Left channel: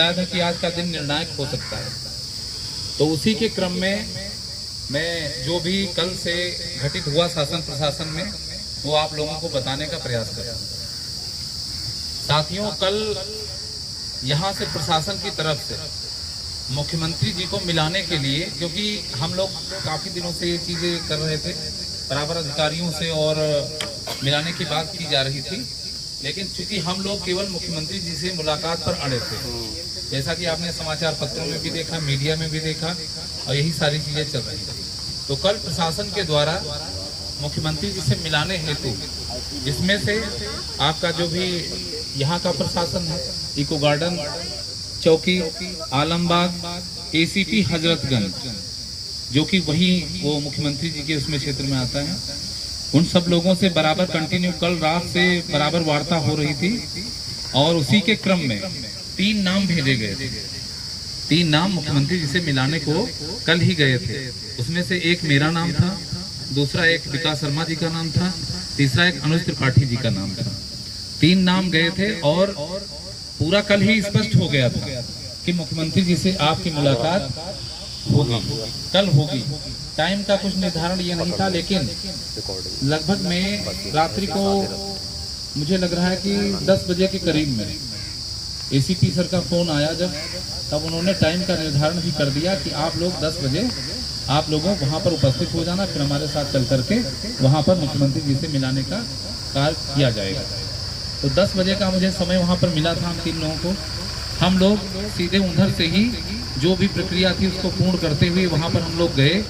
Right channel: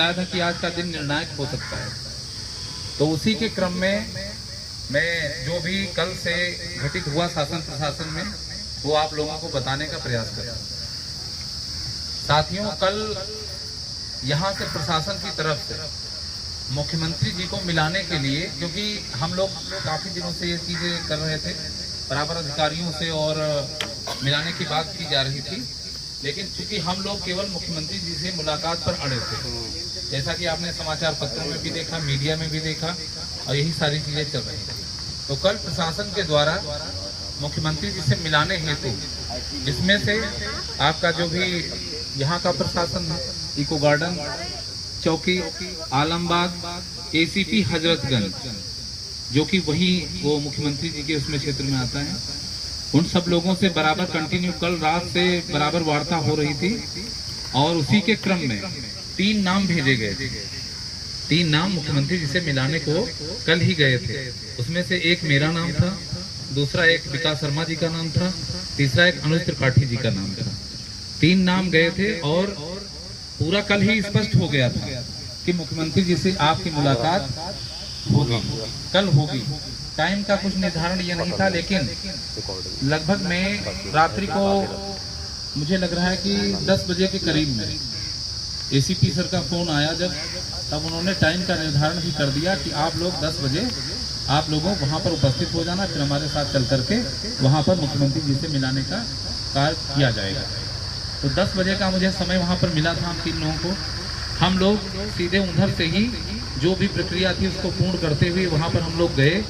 बताया था कि आज का दिन निर्णायक हो सकता है। तो उसी के क्रम में मैं जो भी कल से घटित हुआ शासन प्रशासन में वो आप लोगों को बताने का प्रयास कर रहा हूं। साथियों, कल यहाँ से प्रशासन की तरफ से मुख्यमंत्री जी को मिलाने के लिए, क्योंकि हम लोग काफी दिनों से ये चीजें कर रहे थे, बराबर अधिकारियों से और मिलाने की बात की जा रही थी, लेकिन चूंकि हम लोग केवल मुख्यमंत्री जी से मुलाकात पर अड़े थे, जैसा कि आपने समाचार पत्रों में भी देखा, मीडिया में भी देखा, और यही सारी चीजें चल रही थी। तो कल प्रशासन के द्वारा मुख्यमंत्री जी से मिलाने हेतु, जिसमें से आपका जो भी यहाँ का प्रशासन है, इको गार्डन चौकी, आलमबाग, ACT हजरतगंज, जो कि वही वो मुख्यमंत्री जी के उसमें क्षेत्र में आता है, उन सब लोगों से बराबर कंटिन्यू कल रात से बराबर वार्ता हो रही थी। और उसी के क्रम में 3 नाम भेजे गए थे। 3 नाम मुख्यमंत्री जी से मिलाने को कल ही गए थे। उसमें से एक मेरा नाम था, दूसरा एक विकास शर्मा जी का नाम था, तीसरा एक अनुज त्रिपाठी जी का नाम था। 3 नाम गए थे और पूरा कल ही स्पष्ट हो गया था कि मुख्यमंत्री जी से आपकी मुलाकात होगी, कल होगी। टाइम का कुछ निर्धारण ये नहीं था, लेकिन लगभग में रात्रि को मुझे लग रहा है कि 10 बजे के करीब में ACP सर का फोन आया जब, तब उन्होंने टाइम का निर्धारण भी कर दिया कि आप लोग 10 बजे आप लोगों वहां पर उपस्थित हो जाना, फिर हमारे साथ चल करके वहां पर मुख्यमंत्री जी से मिलाने का कार्य किया जाएगा। तो 10 बजे का मुझे समय वहां पर मिला था हम 3 लोगों को। हम लोग सीधे उधर से ही जो भी प्रक्रिया थी उसको पूर्ण करते हुए वहां पर हम लोग गए।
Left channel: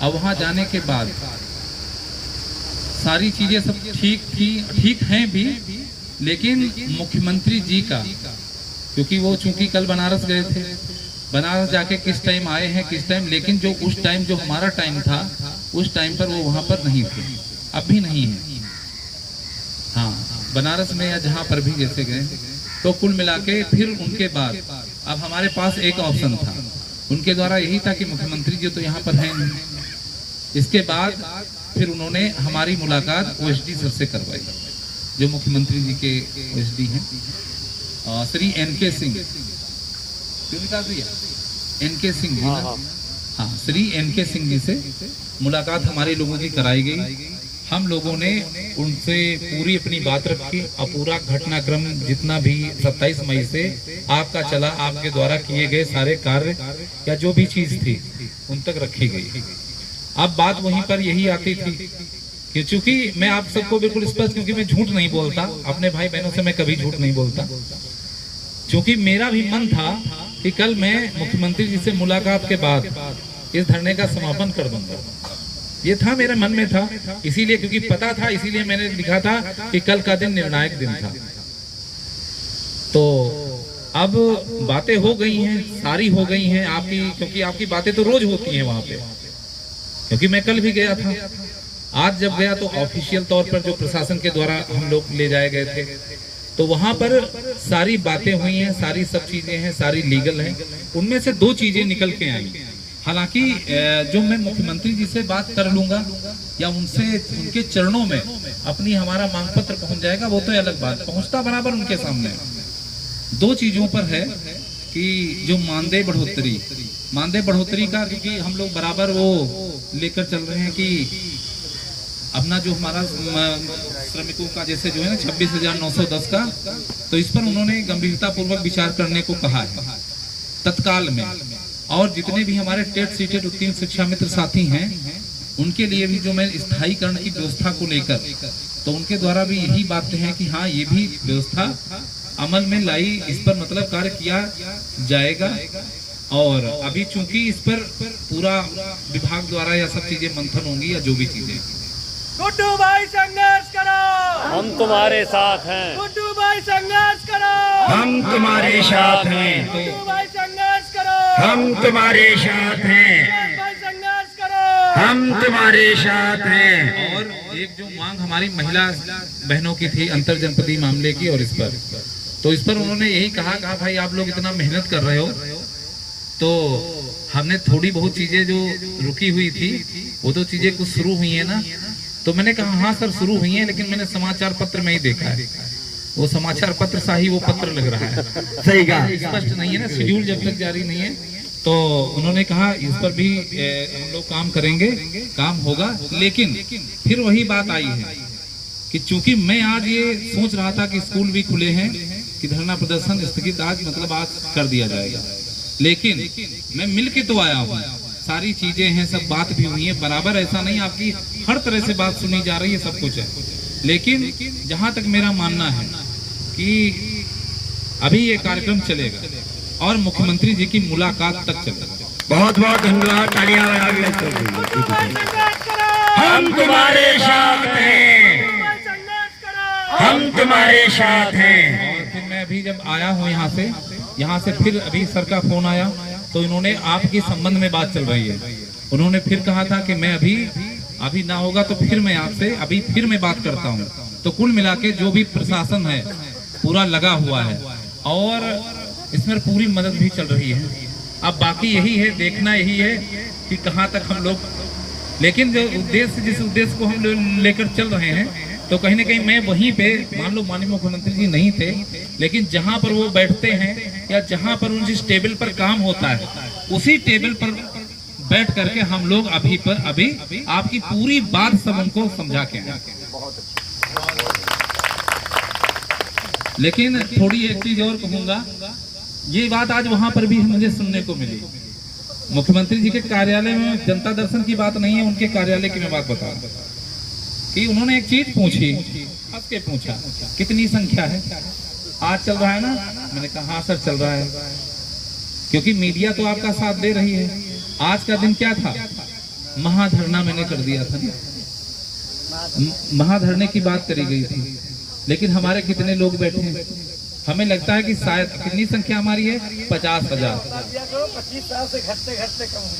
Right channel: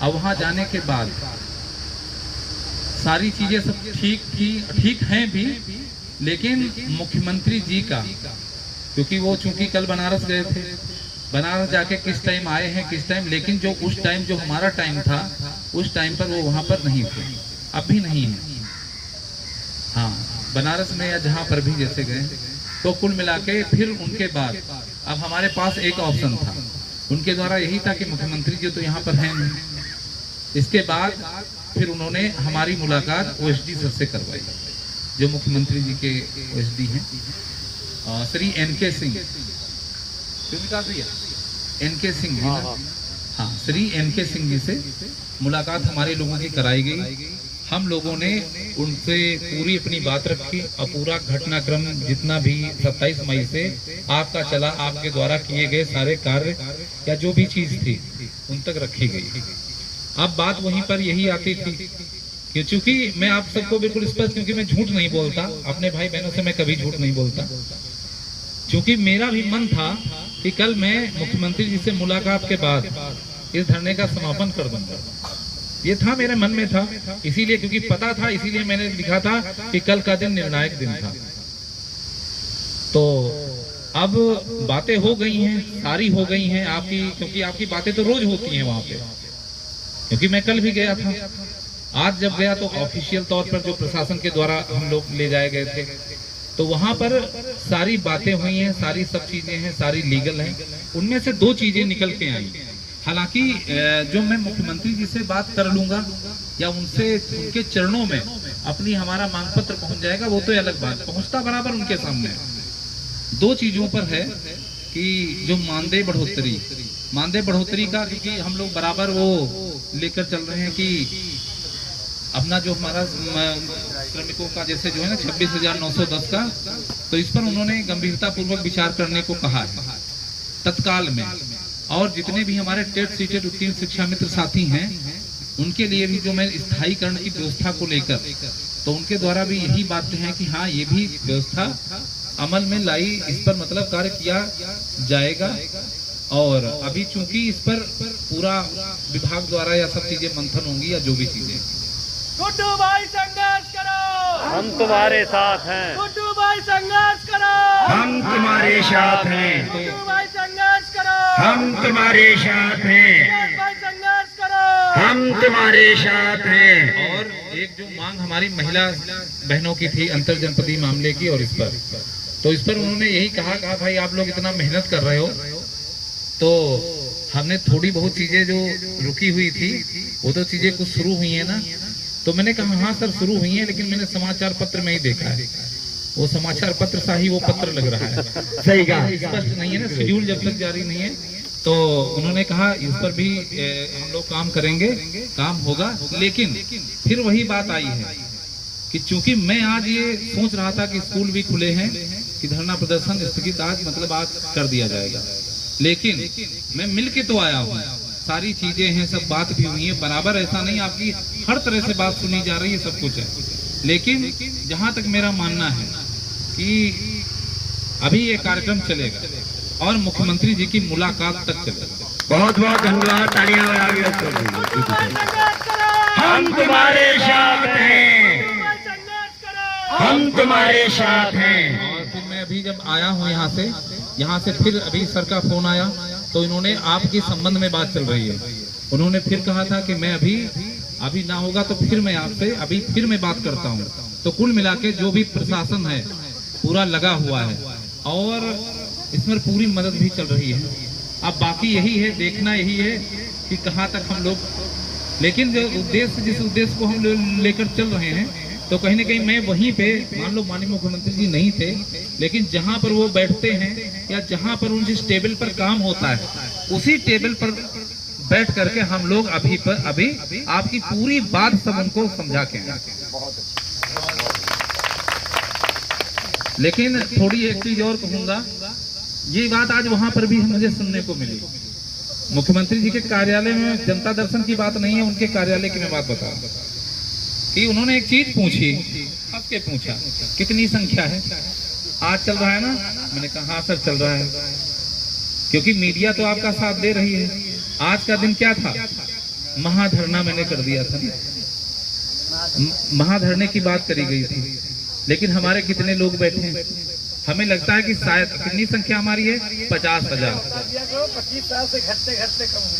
और वहां जाने के बाद सारी चीजें सब ठीक हैं भी, लेकिन मुख्यमंत्री जी का, क्योंकि वो चूंकि कल बनारस गए थे, बनारस जाके किस टाइम आए हैं किस टाइम, लेकिन जो उस टाइम जो हमारा टाइम था उस टाइम पर वो वहां पर नहीं थे, अब भी नहीं है। हाँ, बनारस में या जहां पर भी जैसे गए, तो कुल मिला के फिर उनके बाद अब हमारे पास एक ऑप्शन था, उनके द्वारा यही था कि मुख्यमंत्री जी तो यहाँ पर हैं नहीं। इसके बाद फिर उन्होंने हमारी मुलाकात OSD सर से करवाई, जो मुख्यमंत्री जी के OSD हैं, श्री NK सिंह, NK सिंह जी, हाँ, श्री NK सिंह जी से मुलाकात हमारे लोगों की कराई गई। हम लोगों ने उनसे पूरी अपनी बात रखी और पूरा घटनाक्रम जितना भी 27 मई से आपका चला, आपके द्वारा किए गए सारे कार्य या जो भी चीज थी उन तक रखी गई। अब बात वहीं पर यही आती थी कि चूंकि मैं आप सबको बिल्कुल स्पष्ट, क्योंकि मैं झूठ नहीं बोलता, अपने भाई बहनों से मैं कभी झूठ नहीं बोलता, क्योंकि मेरा भी मन था कि कल मैं मुख्यमंत्री जी से मुलाकात के बाद इस धरने का समापन कर दूंगा। ये था मेरे मन में था, इसीलिए, क्योंकि पता था, इसीलिए मैंने लिखा था कि कल का दिन निर्णायक दिन था। तो अब बातें हो गई हैं, सारी हो गई हैं आपकी, क्योंकि आपकी बातें तो रोज होती हैं वहां पे, क्योंकि मैं कल भी गया था। आज जब गया तो ऑफिशियल तौर पर जो प्रशासन के द्वारा हम लोग ले जाए गए थे, तो वहां पर सारी बातें हुई हैं, सारी सब चीजें हैं, सारी लीगल हैं। उनमें से 2 चीजें निकल के आई। हालांकि जो मैं मुख्यमंत्री जी से बात कर लूंगा या उनसे उनके चरणों में अपनी हमारा मांग पत्र पहुंच जाएगा, वो तो अलग बात, पहुंचता बराबर उनके सामने। 2 चीजों पर है कि जो मानदेय बढ़ोतरी का, क्योंकि हम लोग बराबर वो लेकर चल रहे हैं कि अपना जो हमारा श्रमिकों का जैसे जो है ना 26,910 का, तो इस पर उन्होंने गंभीरता पूर्वक विचार करने को कहा है तत्काल में। और जितने भी हमारे टेट सीटेड उत्तीर्ण शिक्षा मित्र साथी हैं, उनके लिए भी जो मैं स्थायीकरण की व्यवस्था को लेकर, तो उनके द्वारा भी यही बातें हैं कि हाँ, ये भी व्यवस्था अमल में लाई, इस पर मतलब कार्य किया जाएगा। और अभी चूंकि इस पर पूरा विभाग द्वारा या सब चीजें मंथन होंगी या जो भी चीजें। गुड्डू भाई संघर्ष करो, हम तुम्हारे साथ हैं। गुड्डू भाई संघर्ष करो, हम तुम्हारे साथ हैं। गुड्डू भाई संघर्ष करो, हम तुम्हारे साथ हैं। भाई संघर्ष करो, हम तुम्हारे साथ हैं। और एक जो मांग हमारी महिला बहनों की थी अंतर जनपदीय मामले की, और इस पर उन्होंने यही कहा भाई आप लोग इतना मेहनत कर रहे हो, तो हमने थोड़ी बहुत चीजें जो रुकी हुई थी वो तो चीजें कुछ शुरू हुई है ना। तो मैंने कहा हाँ सर शुरू हुई है, लेकिन मैंने समाचार पत्र में ही देखा है वो समाचार पत्र सा ही वो पत्र लग रहा है, सही कहा। स्पष्ट नहीं है ना, शेड्यूल जब तक जारी नहीं है। तो उन्होंने कहा इस पर भी हम लोग काम करेंगे, काम होगा। लेकिन फिर वही बात आई है कि चूंकि मैं आज ये सोच रहा था कि स्कूल भी खुले हैं कि धरना प्रदर्शन स्थगित आज मतलब आज कर दिया जाएगा, लेकिन मैं मिल के तो आया हूँ, सारी चीजें हैं, सब बात भी हुई है बराबर, ऐसा नहीं आपकी हर तरह से बात सुनी जा रही है, सब कुछ है। लेकिन जहां तक मेरा मानना है कि अभी ये कार्यक्रम चलेगा और मुख्यमंत्री जी की मुलाकात तक चलेगा। बहुत बहुत धन्यवाद, तालियां छोटू भाई संघर्ष करो, हम तुम्हारे साथ हैं, छोटू भाई संघर्ष करो, हम तुम्हारे साथ हैं। और फिर मैं अभी जब आया हूँ यहाँ से फिर अभी सर का फोन आया तो इन्होंने आपके संबंध में बात चल रही है, उन्होंने फिर कहा था कि मैं अभी ना होगा तो फिर मैं आपसे अभी फिर मैं बात करता हूँ। तो कुल मिला के जो भी प्रशासन है पूरा लगा हुआ है और इसमें पूरी मदद भी चल रही है। अब बाकी यही है, देखना यही है कि कहाँ तक हम लोग, लेकिन जो उद्देश्य जिस उद्देश्य को हम लोग लेकर चल रहे हैं तो कहीं ना कहीं मैं वहीं पे, मान लो माननीय मुख्यमंत्री जी नहीं थे, लेकिन जहां पर वो बैठते हैं या जहां पर उन जिस टेबल पर काम होता है उसी टेबल पर बैठ करके हम लोग अभी आपकी पूरी बात सब उनको समझा के हैं। लेकिन थोड़ी एक चीज और कहूंगा, ये बात आज वहां पर भी मुझे सुनने को मिली। मुख्यमंत्री जी के कार्यालय में जनता दर्शन की बात नहीं है, उनके कार्यालय की मैं बात बता रहा हूं कि उन्होंने एक चीज पूछी, हंस के पूछा कितनी संख्या है, आज चल रहा है ना? मैंने कहा हाँ सर चल रहा है, क्योंकि मीडिया तो आपका साथ दे रही है। आज का दिन क्या था? महाधरना मैंने कर दिया था, महाधरने की बात करी गई थी, लेकिन हमारे कितने लोग बैठे हैं? हमें लगता है कि शायद कितनी संख्या हमारी है? 50,000।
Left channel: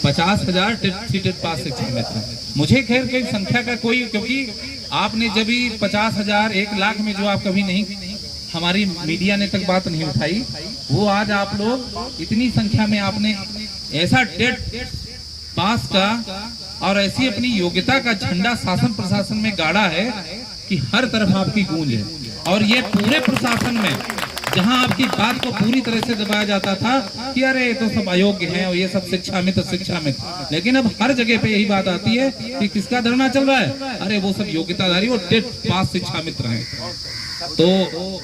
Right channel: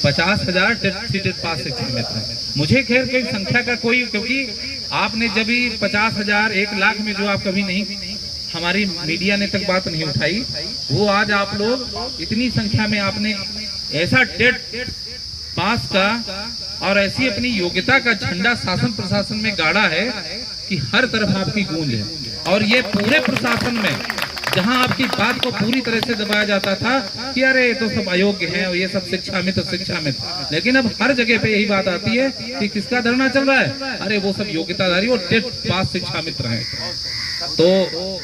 50,000 सीटेड पास शिक्षक मित्र। मुझे खैर कोई संख्या का कोई, क्योंकि आपने जब 50,000 1 लाख में जो आप कभी नहीं, हमारी मीडिया ने तक बात नहीं उठाई, वो आज आप लोग इतनी संख्या में आपने ऐसा टेट पास का और ऐसी अपनी योग्यता का झंडा शासन प्रशासन में गाड़ा है कि हर तरफ आपकी गूंज है। और ये पूरे प्रशासन में जहां आपकी बात को पूरी तरह से दबाया जाता था कि अरे तो सब अयोग्य हैं और ये सब शिक्षा मित्र, लेकिन अब हर जगह पे यही बात आती है कि किसका धरना चल रहा है? अरे वो सब योग्यताधारी और टेट पास शिक्षा मित्र हैं। तो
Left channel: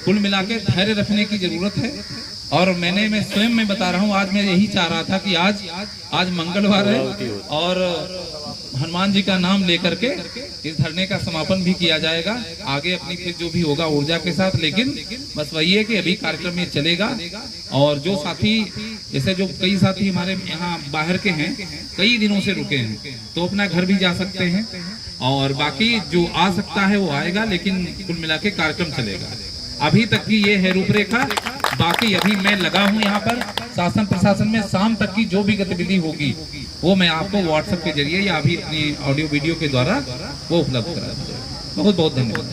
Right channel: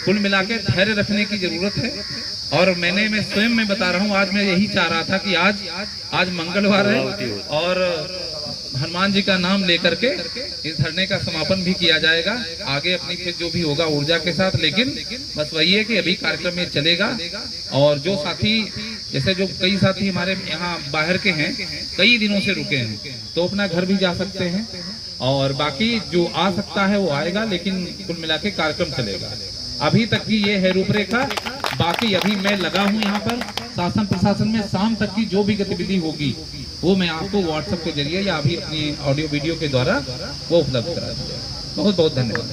कुल मिला के धैर्य रखने की जरूरत है। और मैं स्वयं में बता रहा हूँ, आज मैं यही चाह रहा था कि आज मंगलवार है और हनुमान जी का नाम लेकर के इस धरने का समापन भी किया जाएगा, आगे अपनी फिर जो भी होगा ऊर्जा के साथ। लेकिन बस वही है कि अभी कार्यक्रम में चलेगा और जो साथी, जैसे जो कई साथी हमारे यहाँ बाहर के हैं, कई दिनों से रुके हैं, तो अपना घर भी जा सकते हैं और बाकी जो आ सकता है वो आएगा, लेकिन कुल मिला के कार्यक्रम चलेगा। अभी तक की ये है रूपरेखा। बाकी अभी मैं लगा हूँ यहाँ पर शासन प्रशासन में, शाम तक की जो भी गतिविधि होगी वो मैं आपको व्हाट्सएप के जरिए या अभी अपनी ऑडियो वीडियो के द्वारा वो उपलब्ध करा दूंगा। बहुत बहुत धन्यवाद।